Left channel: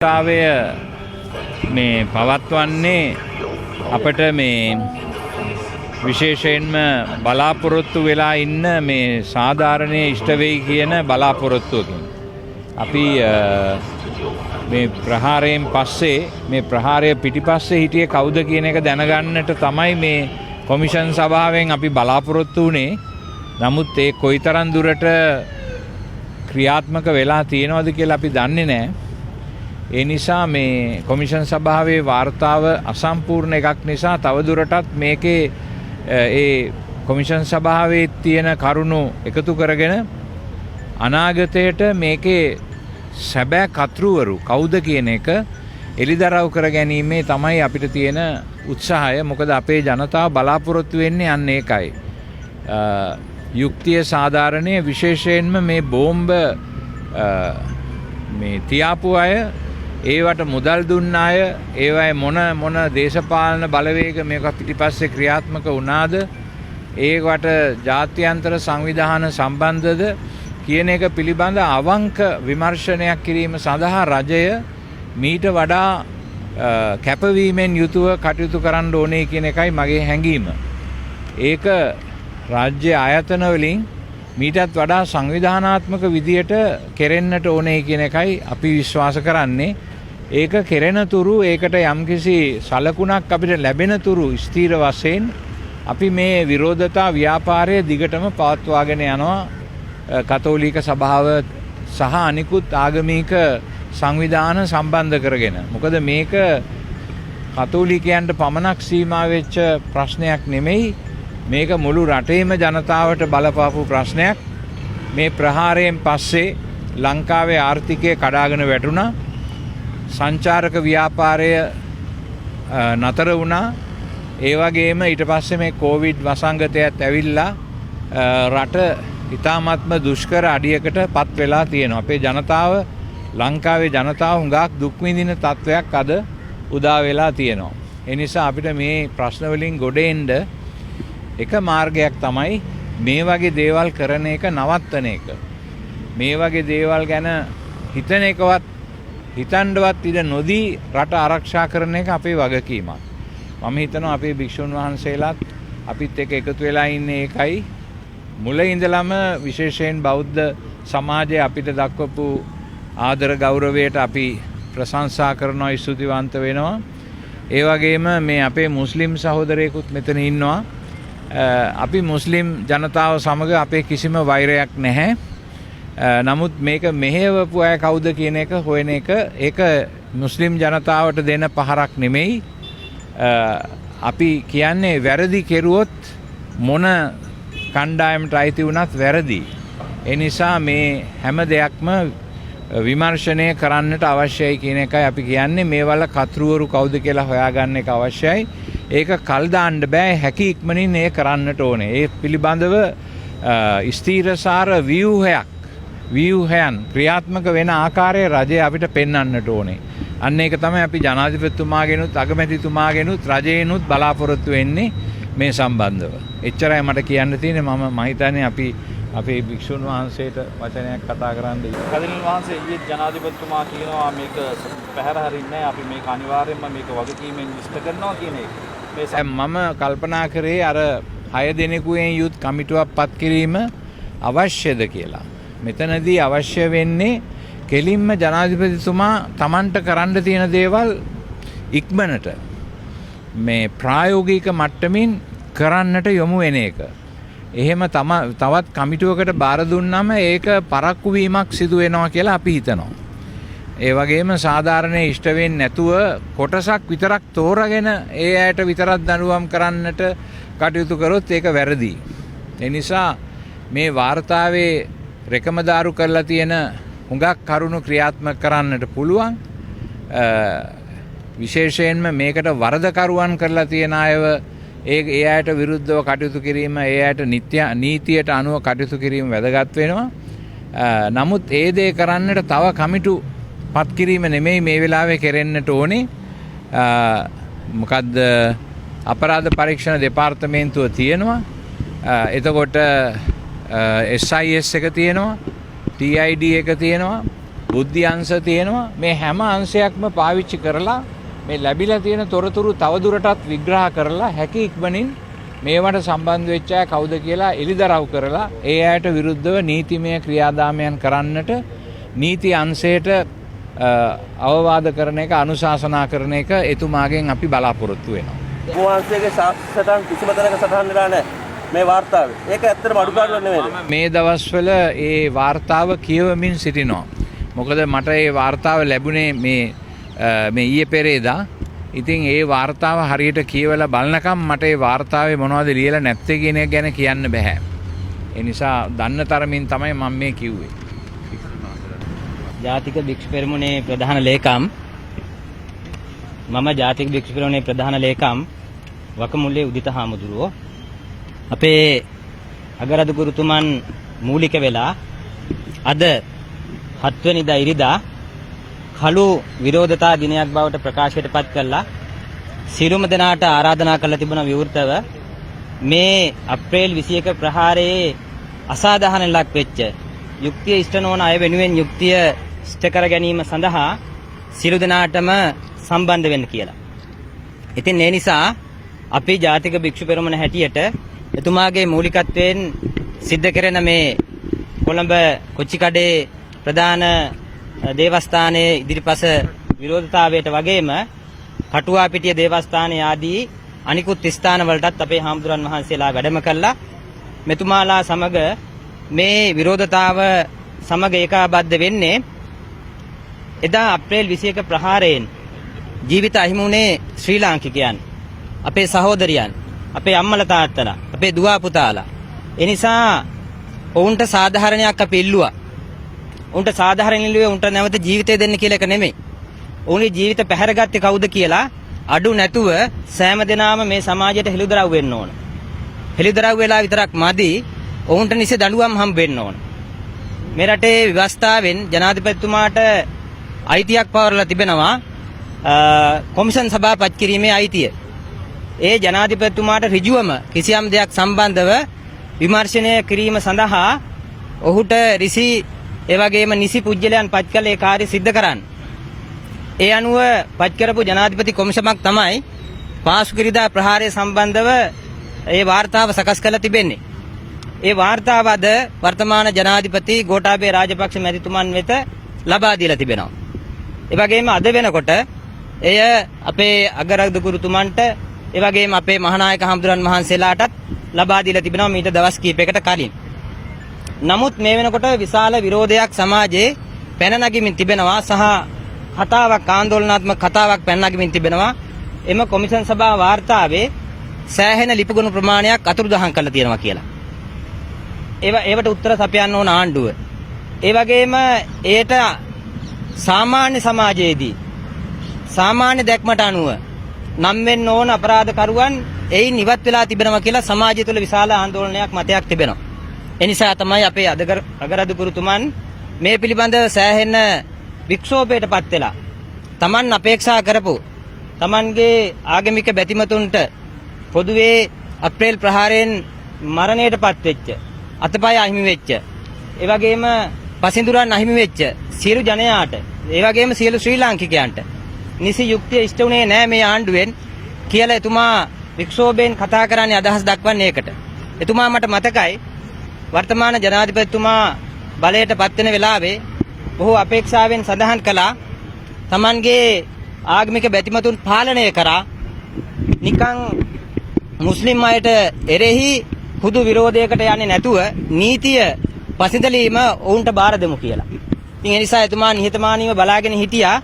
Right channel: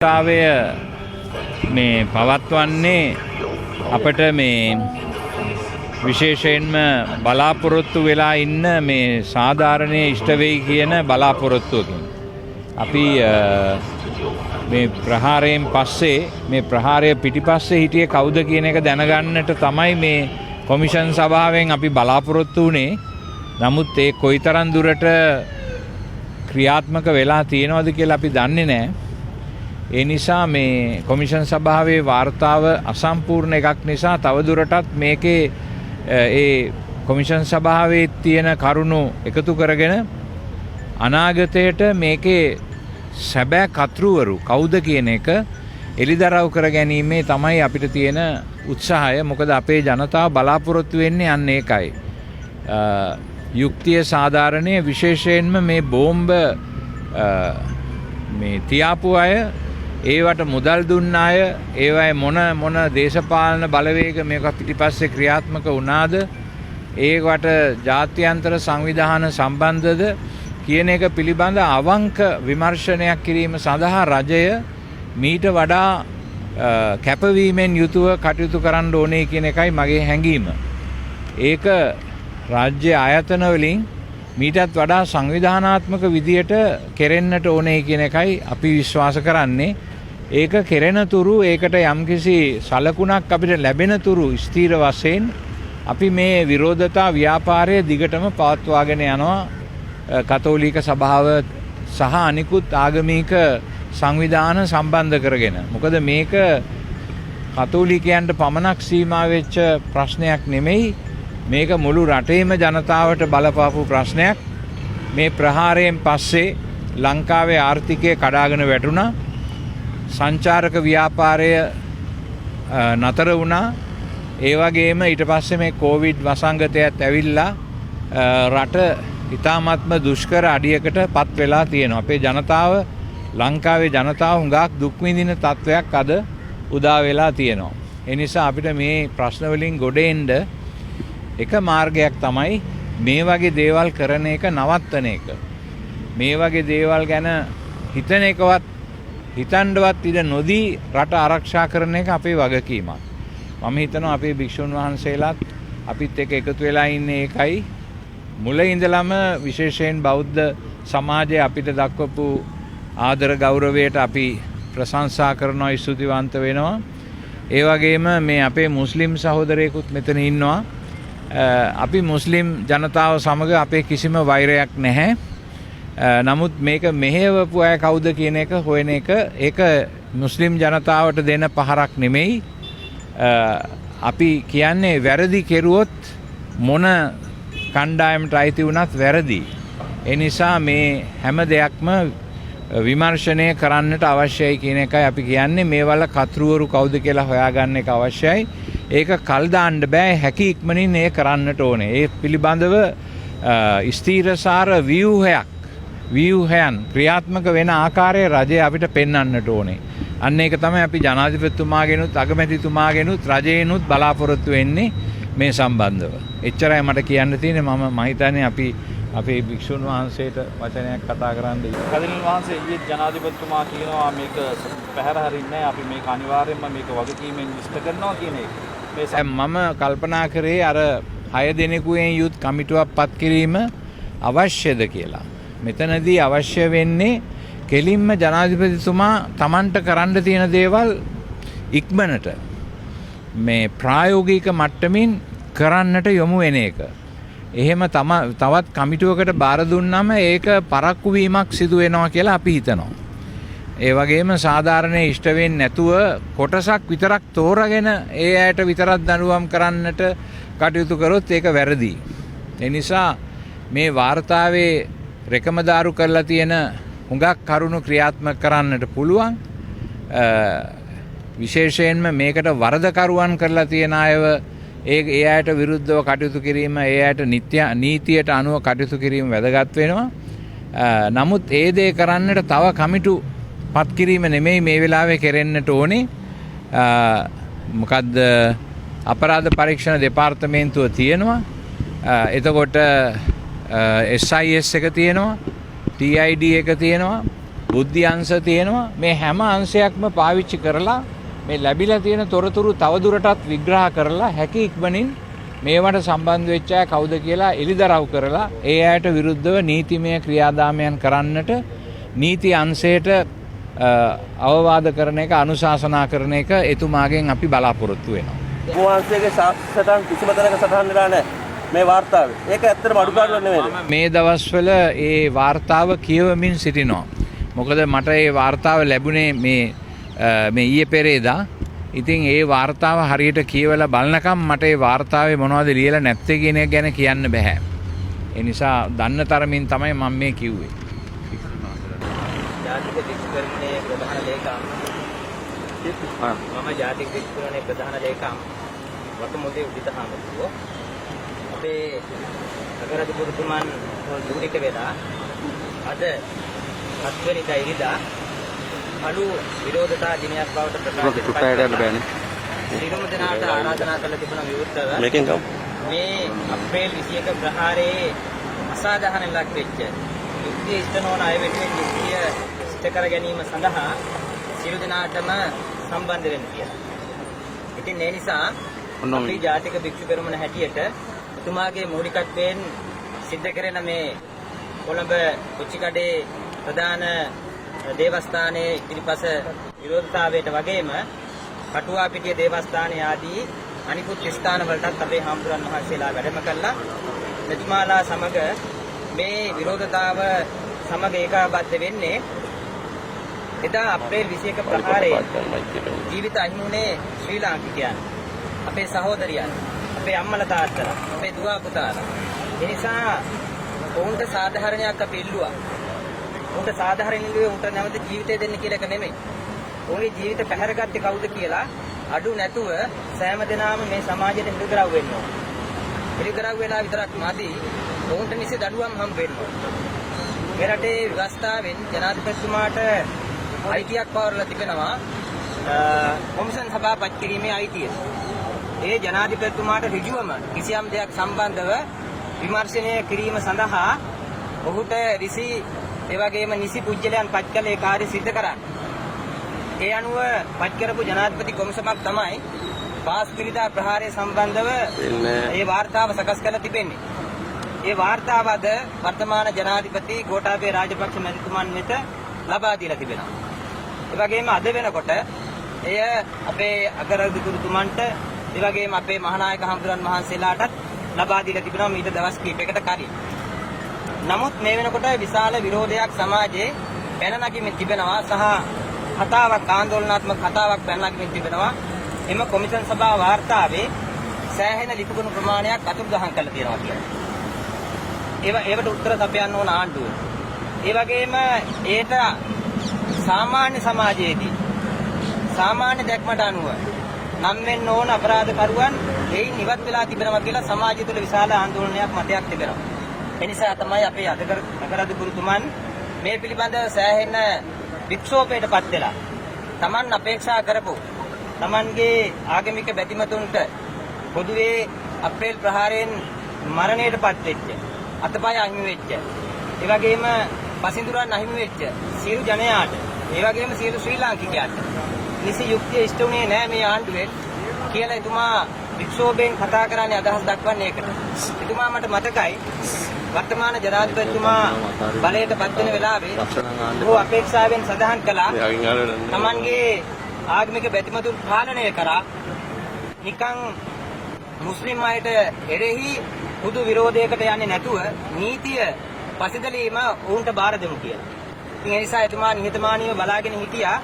තාවය මේ පවත්වන්නේ අපට මේ විශේෂයෙන්ම බලාපොරොත්තු වෙලා ඉන්න මේ සාධාරණයේ ඉෂ්ට වෙයි කියන බලාපොරොත්තුවකින් අපි මේ ප්‍රහාරයෙන් පස්සේ මේ ප්‍රහාරය පිටිපස්සේ හිටියේ කවුද කියන එක දැනගන්නට තමයි මේ කොමිෂන් සභාවෙන් අපි බලාපොරොත්තු වුණේ. නමුත් ඒ කොයිතරම් දුරට ක්‍රියාත්මක වෙලා තියෙනවද කියලා අපි දන්නේ නැහැ. ඒ නිසා මේ කොමිෂන් සභාවේ වාර්තාව අසම්පූර්ණ එකක් නිසා තවදුරටත් මේකේ ඒ කොමිෂන් සභාවේ තියෙන කරුණු එකතු කරගෙන අනාගතයට මේකේ සැබෑ කතෘවරු කවුද කියන එක එළිදරව් කර ගැනීමේ තමයි අපිට තියෙන උත්සාහය. මොකද අපේ ජනතාව බලාපොරොත්තු වෙන්නේ අන්න ඒකයි. යුක්තිය සාධාරණයේ විශේෂයෙන්ම මේ බෝම්බ මේ තියාපු අය, ඒවට මුදල් දුන්න අය, ඒවයි මොන දේශපාලන බලවේග මේක පිටිපස්සේ ක්‍රියාත්මක වුණාද, ඒවට ජාත්‍යන්තර සංවිධාන සම්බන්ධද කියන එක පිළිබඳ අවංක විමර්ශනයක් කිරීම සඳහා රජය මීට වඩා කැපවීමෙන් යුතුව කටයුතු කරන්න ඕනේ කියන එකයි මගේ හැඟීම. ඒක රාජ්‍ය ආයතන වලින් මීටත් වඩා සංවිධානාත්මක විදියට කෙරෙන්නට ඕනේ කියන එකයි අපි විශ්වාස කරන්නේ. ඒක කෙරෙන තුරු ඒකට යම්කිසි සලකුණක් අපිට ලැබෙන තුරු ස්ථීර වශයෙන් අපි මේ විරෝධතා ව්‍යාපාරය දිගටම පවත්වාගෙන යනවා කතෝලික සභාව සහ අනිකුත් ආගමික සංවිධාන සම්බන්ධ කරගෙන. මොකද මේක කතෝලිකයන්ට පමණක් සීමා වෙච්ච ප්‍රශ්නයක් නෙමෙයි. මේක මුළු රටේම ජනතාවට බලපාපු ප්‍රශ්නයක්. මේ ප්‍රහාරයෙන් පස්සේ ලංකාවේ ආර්ථිකය කඩාගෙන වැටුණා. සංචාරක ව්‍යාපාරය නතර වුණා. ඒ වගේම ඊට පස්සේ මේ කොවිඩ් වසංගතයත් ඇවිල්ලා රට ඉතාමත්ම දුෂ්කර අඩියකට පත් වෙලා තියෙනවා. අපේ ජනතාව, ලංකාවේ ජනතාව හුඟක් දුක් විඳින තත්වයක් අද උදා වෙලා තියෙනවා. ඒ නිසා අපිට මේ ප්‍රශ්න වලින් ගොඩ එන්න එක මාර්ගයක් තමයි මේ වගේ දේවල් කරන එක නවත්තන එක. මේ වගේ දේවල් ගැන හිතන එකවත් හිතන්නවත් ඉඩ නොදී රට ආරක්ෂා කරන එක අපේ වගකීමක්. මම හිතනවා අපේ භික්ෂුන් වහන්සේලාත් අපිත් එක්ක එකතු වෙලා ඉන්නේ ඒකයි. මුල ඉඳලම විශේෂයෙන් බෞද්ධ සමාජය අපිට දක්වපු ආදර ගෞරවයට අපි ප්‍රශංසා කරනවා, ස්තුතිවන්ත වෙනවා. ඒ වගේම මේ අපේ මුස්ලිම් සහෝදරයෙකුත් මෙතන ඉන්නවා. අපි මුස්ලිම් ජනතාව සමග අපේ කිසිම වෛරයක් නැහැ. නමුත් මේක මෙහෙවපු අය කවුද කියන එක හොයන එක ඒක මුස්ලිම් ජනතාවට දෙන පහරක් නෙමෙයි. අපි කියන්නේ වැරදි කෙරුවොත් මොන කණ්ඩායමට අයිති වුණත් වැරදි. ඒ නිසා මේ හැම දෙයක්ම විමර්ශනය කරන්නට අවශ්‍යයි කියන එකයි අපි කියන්නේ. මේවල කතෘවරු කවුද කියලා හොයාගන්න එක අවශ්‍යයි. ඒක කල් දාන්න බෑ. හැකි ඉක්මනින් ඒ කරන්නට ඕනේ. ඒ පිළිබඳව ස්ථීරසාර ව්‍යුහයන් ක්‍රියාත්මක වෙන ආකාරය රජය අපිට පෙන්වන්නට ඕනේ. අන්න ඒක තමයි අපි ජනාධිපතිතුමාගෙනුත් අගමැතිතුමාගෙනුත් රජයෙනුත් බලාපොරොත්තු වෙන්නේ මේ සම්බන්ධව. එච්චරයි මට කියන්න තියෙන්නේ. මම හිතන්නේ අපි අපේ භික්ෂුන් වහන්සේට වචනයක් කතා කරන්න. කදිනල් වහන්සේ ඊයේ ජනාධිපතිතුමා කියනවා මේක පැහැර හරින්නේ අපි මේක අනිවාර්යයෙන්ම මේක වගකීමෙන් ඉෂ්ට කරනවා කියන එක. මම කල්පනා කරේ අර 6 දෙනෙකුෙන් යුත් කමිටුවක් පත් කිරීම අවශ්‍යද කියලා. මෙතනදී අවශ්‍ය වෙන්නේ කෙලින්ම ජනාධිපතිතුමා Tamanට කරන්න තියෙන දේවල් ඉක්මනට මේ ප්‍රායෝගික මට්ටමින් කරන්නට යොමු වෙන එක. එහෙම තවත් කමිටුවකට බාර දුන්නම ඒක පරක්කු වීමක් සිදු වෙනවා කියලා අපි හිතනවා. ඒ වගේම සාධාරණයේ ඉෂ්ට වෙන්නේ නැතුව කොටසක් විතරක් තෝරාගෙන ඒ ඇයට විතරක් දඬුවම් කරන්නට කටයුතු කරොත් ඒක වැරදි. ඒ නිසා මේ වාර්තාවේ රෙකමදාරු කරලා තියෙන හුඟක් කරුණු ක්‍රියාත්මක කරන්නට පුළුවන්. විශේෂයෙන්ම මේකට වරදකරුවන් කරලා තියෙන අයව ඒ අයට විරුද්ධව කටයුතු කිරීම, ඒ අයට නීතියට අනුව කටයුතු කිරීම වැදගත් වෙනවා. නමුත් ඒ දේ කරන්නට තව කමිටු පත් කිරීම නෙමෙයි මේ වෙලාවේ කෙරෙන්නට ඕනේ. මොකද්ද අපරාධ පරීක්ෂණ දෙපාර්තමේන්තුව තියෙනවා. එතකොට SIS එක තියෙනවා, TID එක තියෙනවා, බුද්ධි අංශ තියෙනවා. මේ හැම අංශයක්ම පාවිච්චි කරලා මේ ලැබිලා තියෙන තොරතුරු තවදුරටත් විග්‍රහ කරලා හැකි ඉක්මනින් මේවට සම්බන්ධ වෙච්ච අය කවුද කියලා එලිදරව් කරලා ඒ අයට විරුද්ධව නීතිමය ක්‍රියාදාමයන් කරන්නට නීති අංශයට අවවාද කරන එක අනුශාසනා කරන එක එතුමාගෙන් අපි බලාපොරොත්තු වෙනවා. වහන්සේගේ සටහන් කිසිම තැනක සටහන් වෙලා නැහැ මේ වාර්තාවේ. ඒක ඇත්තටම අඩුපාඩුවක් නෙමෙයිද? මේ දවස්වල ඒ වාර්තාව කියවමින් සිටිනවා. මොකද මට ඒ වාර්තාව ලැබුණේ මේ ඊයේ පෙරේදා. ඉතින් ඒ වාර්තාව හරියට කියවලා බලනකම් මට ඒ වාර්තාවේ මොනවද ලියලා නැත්තේ කියන එක ගැන කියන්න බෑ. ඒ නිසා දන්න තරමින් තමයි මම මේ කිව්වේ. ජාතික භික්ෂු පෙරමුණේ ප්‍රධාන ලේකම් මම ජාතික භික්ෂු පෙරමුණේ ප්‍රධාන ලේකම් වකමුල්ලේ උදිත හාමුදුරුවෝ අපේ අගරදු ගුරුතුමන් මූලික වෙලා අද 7 වෙනිදා ඉරිදා කළු විරෝධතා දිනයක් බවට ප්‍රකාශයට පත් කරලා සියලුම දෙනාට ආරාධනා කරලා තිබුණ විවෘතව මේ අප්‍රේල් 21 ප්‍රහාරයේ අසාධාරණ ලක් වෙච්ච යුක්තිය ඉෂ්ට නොවන අය වෙනුවෙන් යුක්තිය ඉෂ්ට කර ගැනීම සඳහා සියලු දෙනාටම සම්බන්ධ වෙන්න කියලා. ඉතින් ඒ නිසා අපි ජාතික භික්ෂු පෙරමුණ හැටියට එතුමාගේ මූලිකත්වයෙන් සිද්ධ කරන මේ කොළඹ කොච්චිකඩේ ප්‍රධාන දේවස්ථානයේ ඉදිරිපස විරෝධතාවයට වගේම හටුවාපිටිය දේවස්ථානයේ ආදී අනිකුත් ස්ථාන වලටත් අපේ හාමුදුරන් වහන්සේලා වැඩම කළා. මෙතුමාලා සමග මේ විරෝධතාව සමග ඒකාබද්ධ වෙන්නේ එදා අප්‍රේල් 21 ප්‍රහාරයෙන් ජීවිත අහිමි වුණේ ශ්‍රී ලාංකිකයන්, අපේ සහෝදරයන්, අපේ අම්මලා තාත්තලා, අපේ දුව පුතාලා. ඒ නිසා ඔවුන්ට සාධාරණයක් අපි ඉල්ලුවා. උන්ට සාධාරණ ඉල්ලුවේ උන්ට නැවත ජීවිතය දෙන්න කියලා එක නෙමෙයි. උන්ගේ ජීවිත පැහැරගත්තේ කවුද කියලා අඩු නැතුව සෑම දිනම මේ සමාජයට හෙළිදරව් වෙන්න ඕන. හෙළිදරව් වෙලා විතරක් මදි. ඔවුන්ට නිසි දඬුවම් හම්බ වෙන්න ඕන. මේ රටේ ව්‍යවස්ථාවෙන් ජනාධිපතිතුමාට අයිතියක් පවරලා තිබෙනවා කොමිෂන් සභාව පත් කිරීමේ අයිතිය. ඒ ජනාධිපතිතුමාට ඍජුවම කිසියම් දෙයක් සම්බන්ධව විමර්ශනය කිරීම සඳහා ඔහුට ඍසි ඒ වගේම නිසි පුජ්‍යලයන් පත් කළ ඒ කාර්ය සිද්ධ කරන්න. ඒ අනුව පත් කරපු ජනාධිපති කොමිෂමක් තමයි පාසුකිරිදා ප්‍රහාරය සම්බන්ධව ඒ වාර්තාව සකස් කරලා තිබෙන්නේ. ඒ වාර්තාව අද වර්තමාන ජනාධිපති ගෝඨාභය රාජපක්ෂ මැතිතුමන් වෙත ලබා දීලා තිබෙනවා. ඒ වගේම අද වෙනකොට එය අපේ අගරදු ගුරුතුමන්ට ඒ වගේම අපේ මහානායක හඳුරන් වහන්සේලාටත් ලබා දීලා තිබෙනවා මීට දවස් කිහිපයකට කලින්. නමුත් මේ වෙනකොට විශාල විරෝධයක් සමාජයේ පැන නගිමින් තිබෙනවා සහ කතාවක් ආందోලනාත්මක කතාවක් පැන නගිමින් තිබෙනවා. එම කොමිෂන් සභාව වාර්තාවේ සෑහෙන ලිපිගුණ ප්‍රමාණයක් අතුරුදහන් කරලා තියෙනවා කියලා. ඒවට උත්තර සපයන්න ඕන ආණ්ඩුව. ඒ වගේම ඒට සාමාන්‍ය සමාජයේදී සාමාන්‍ය දැක්මට අනුව නම් වෙන්න ඕන අපරාධකරුවන් එයින් ඉවත් වෙලා තිබෙනවා කියලා සමාජය තුළ විශාල ආందోලනයක් මතයක් තිබෙනවා. ඒ නිසා තමයි අපේ අගරදු ගුරුතුමන් මේ පිළිබඳව සෑහෙන වික්ෂෝපයටපත් වෙලා Taman අපේක්ෂා කරපු Tamanගේ ආගමික බැතිමතුන්ට පොදුවේ අප්‍රේල් ප්‍රහාරයෙන් මරණයටපත් වෙච්ච අතපය අහිමි වෙච්ච ඒ වගේම පසින්දුරන් අහිමි වෙච්ච සියලු ජනයාට ඒ වගේම සියලු ශ්‍රී ලාංකිකයන්ට නිසි යුක්තිය ඉෂ්ට වුණේ නැහැ මේ ආණ්ඩුවෙන් කියලා එතුමා වික්ෂෝභයෙන් කතා කරන්නේ අදහස් දක්වන්නේ ඒකට. එතුමා මට මතකයි වර්තමාන ජනාධිපතිතුමා බලයට පත් වෙන වෙලාවේ බොහෝ අපේක්ෂාවෙන් සඳහන් කළා Tamanගේ ආගමික බැතිමතුන් පාලනය කරා නිකන් මුස්ලිම් අයට එරෙහි පුදු විරෝධයකට යන්නේ නැතුව නීතිය පසිදලීම ඔවුන්ට බාර දෙමු කියලා. ඉතින් ඒ නිසා එතුමා නිහතමානීව බලාගෙන හිටියා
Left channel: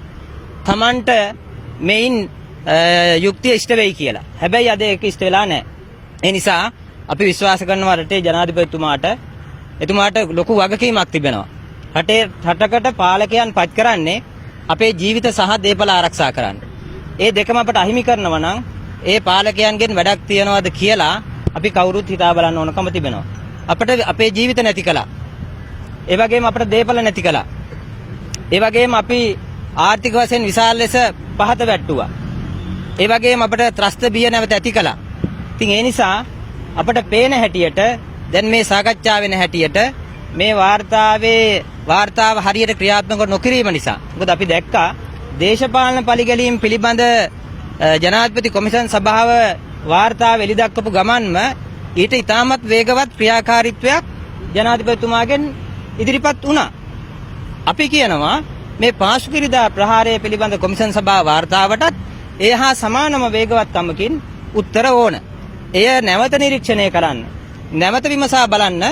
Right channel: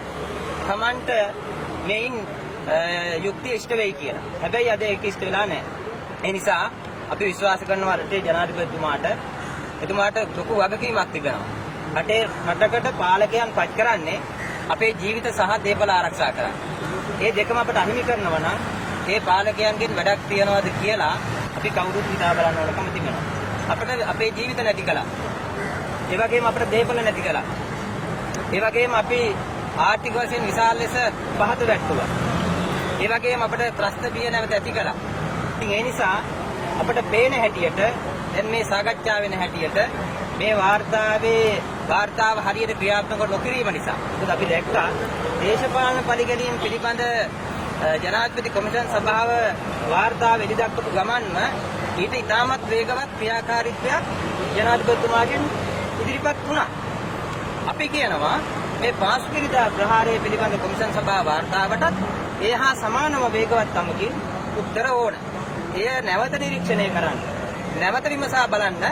Tamanට මේන් යුක්තිය ඉෂ්ට වෙයි කියලා. හැබැයි අද ඒක ඉෂ්ට වෙලා නැහැ. ඒ නිසා අපි විශ්වාස කරනවා රටේ ජනාධිපතිතුමාට එතුමාට ලොකු වගකීමක් තිබෙනවා. රටකට පාලකයන් පත් කරන්නේ අපේ ජීවිත සහ දේපල ආරක්ෂා කරන්න. ඒ දෙකම අපට අහිමි කරනවා නම් ඒ පාලකයන්ගෙන් වැඩක් තියනවාද කියලා අපි කවුරුත් හිතා බලන්න ඕනකම තිබෙනවා. අපිට අපේ ජීවිත නැති කළා. ඒ වගේම අපිට දේපල නැති කළා. ඒ වගේම අපි ආර්ථික වශයෙන් විශාල ලෙස පහත වැට්ටුවා. ඒ වගේම අපිට ත්‍රස්ත බිය නැවත ඇති කළා. ඉතින් ඒ නිසා අපිට පේන හැටියට දැන් මේ සාකච්ඡා වෙන හැටියට මේ වාර්තාවේ වාර්තාව හරියට ක්‍රියාත්මක නොකිරීම නිසා. මොකද අපි දැක්කා දේශපාලන පරිගැලීම් පිළිබඳ ජනාධිපති කොමිෂන් සභාව වාර්තාව එළි දක්වපු ගමන්ම ඊට ඉතාමත් වේගවත් ක්‍රියාකාරීත්වයක් ජනාධිපතිතුමාගෙන් ඉදිරිපත් වුණා. අපි කියනවා මේ පාසුකිරිදා ප්‍රහාරය පිළිබඳ කොමිෂන් සභාව වාර්තාවටත් ඒ හා සමානම වේගවත්කමකින් උත්තර ඕන. එය නැවත නිරීක්ෂණය කරන්න. නැවත විමසා බලන්න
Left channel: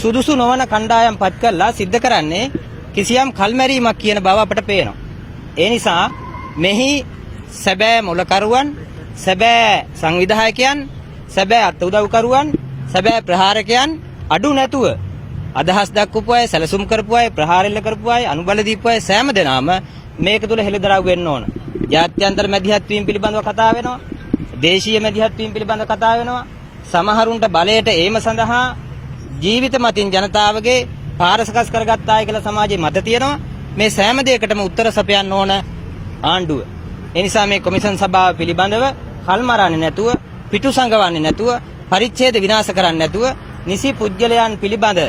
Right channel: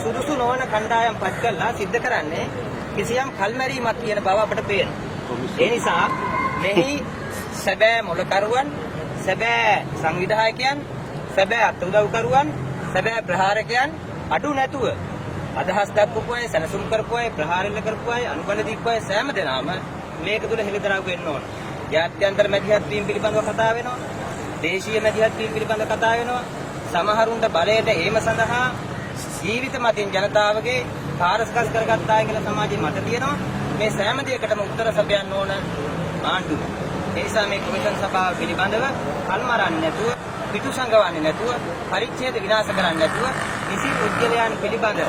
සුදුසු නොවන කණ්ඩායම් පත් කළා සිද්ධ කරන්නේ කිසියම් කල්මැරීමක් කියන බව අපට පේනවා. ඒ නිසා මෙහි සැබෑ මොලකරුවන්, සැබෑ සංවිධායකයන්, සැබෑ අත්උදව්කරුවන්, සැබෑ ප්‍රහාරකයන් අඩු නැතුව අදහස් දක්වපු අය, සැලසුම් කරපු අය, ප්‍රහාරෙල්ල කරපු අය, අනුබල දීපු අය සෑම දෙනාම මේක තුල හෙළිදරව් වෙන්න ඕන. ජාත්‍යන්තර මැදිහත් වීම පිළිබඳව කතා වෙනවා. දේශීය මැදිහත් වීම පිළිබඳව කතා වෙනවා. සමහරුන්ට බලයට ඒම සඳහා ජීවිත මතින් ජනතාවගේ පාරසකස් කරගත්ත අය කියලා සමාජයේ මත තියෙනවා. මේ සෑම දෙයකටම උත්තර සපයන්න ඕන ආණ්ඩුව. ඒ නිසා මේ කොමිෂන් සභාව පිළිබඳව කල්මරන්නේ නැතුව, පිටු සංගවන්නේ නැතුව, පරිච්ඡේද විනාශ කරන්නේ නැතුව, නිසි පුද්ගලයන් පිළිබඳ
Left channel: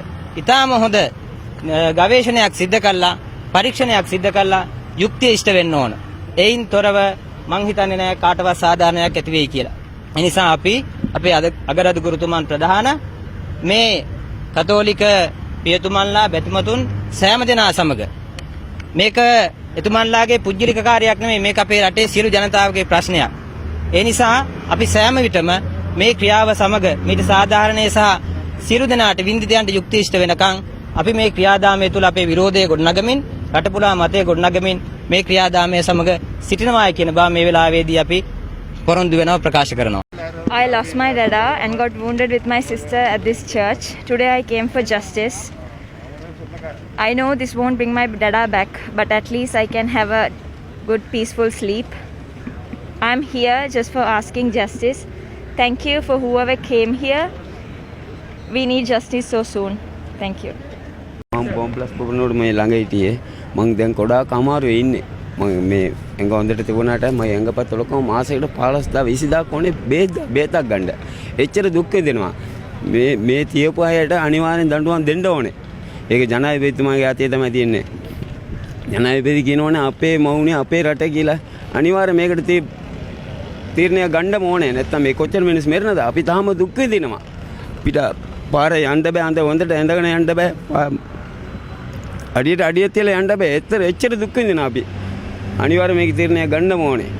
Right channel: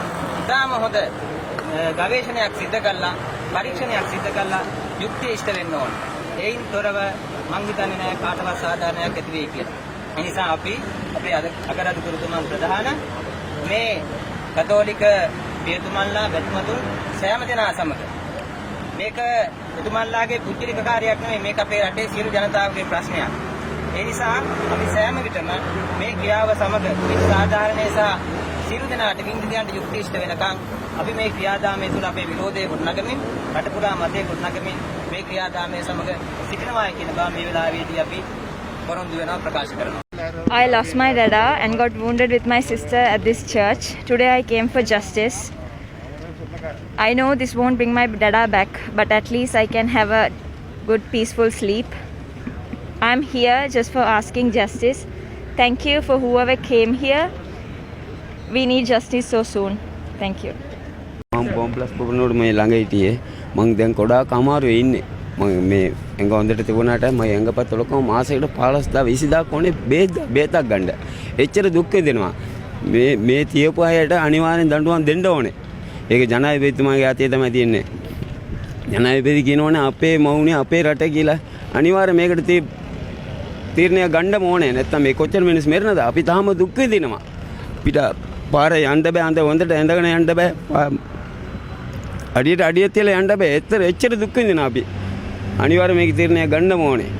ඉතාම හොඳ ගවේෂණයක් සිද්ධ කළා, පරීක්ෂණයක් සිද්ධ කළා යුක්තිය ඉෂ්ට වෙන්න ඕන. එයින් තොරව මං හිතන්නේ නෑ කාටවත් සාධාරණයක් ඇති වෙයි කියලා. ඒ නිසා අපි අපේ අගරාධ ගුරුතුමන් ප්‍රධාන මේ කතෝලික පියතුමන්ලා බැතිමතුන් සෑම දෙනා සමග මේක එතුමන්ලාගේ පුජ්‍යලික කාර්යයක් නෙමෙයි, මේක අපේ රටේ සියලු ජනතාවගේ ප්‍රශ්නයක්. ඒ නිසා අපි සෑම විටම මේ ක්‍රියාව සමග මේක සාධාරණේ සහ සියලු දෙනාට වින්දිතයන්ට යුක්ති ඉෂ්ට වෙනකන් අපි මේ ක්‍රියාදාමය තුළ අපේ විරෝධය ගොඩනගමින්, රටපුරා මතය ගොඩනගමින් මේ ක්‍රියාදාමය සමග සිටිනවා කියන බව මේ වෙලාවේදී අපි පොරොන්දු වෙනවා ප්‍රකාශ කරනවා. I lost my dada and got wounded with my sister at this church. Today I came for justice. I know this won't bring my dada back, but at least I can have a good peaceful sleep. I'm here just for asking justice. Thank you for whoever came here. We need justice so soon. Thank you. මම complex පුරනෝඩ මේ ළඟ හිටියේ. මං දැන් ගොඩාක් අමාරුවේ ඉන්නේ. මම මේ එංග හොඳට තිබුණාට මම එංගපත් වලකම මාසෙකට 15000 20000 කොනේ බේතක් ගන්න. එච්චර දුක් විඳිනවා. මේ තියපු අයට අනිවාර්යෙන් දඬුවම් දෙන්න ඕනේ. ඒක ජනාධිපතිතුමාගේ අතේ තමයි තියෙන්නේ. ජනාධිපති කියනෝනේ අපේ මවුනේ අපේ රට කියලා අනිවාර්යෙන් මේකට තීරණයක් ගන්න ඕනේ. නැත්තම් මේ කොච්චර මිනිස් මැරෙනද? අපි තාම දුක් විඳිනවා. පිට පාරේ යන්න බෑ, අඳ හොඳට ඇඳගෙන යන්න බෑ. අඩියට තියලා යන්න බෑ. එච්චර දුක් විඳිනවා අපි. අනිවාර්යෙන් මේක තීරණයක් ගන්න ඕනේ.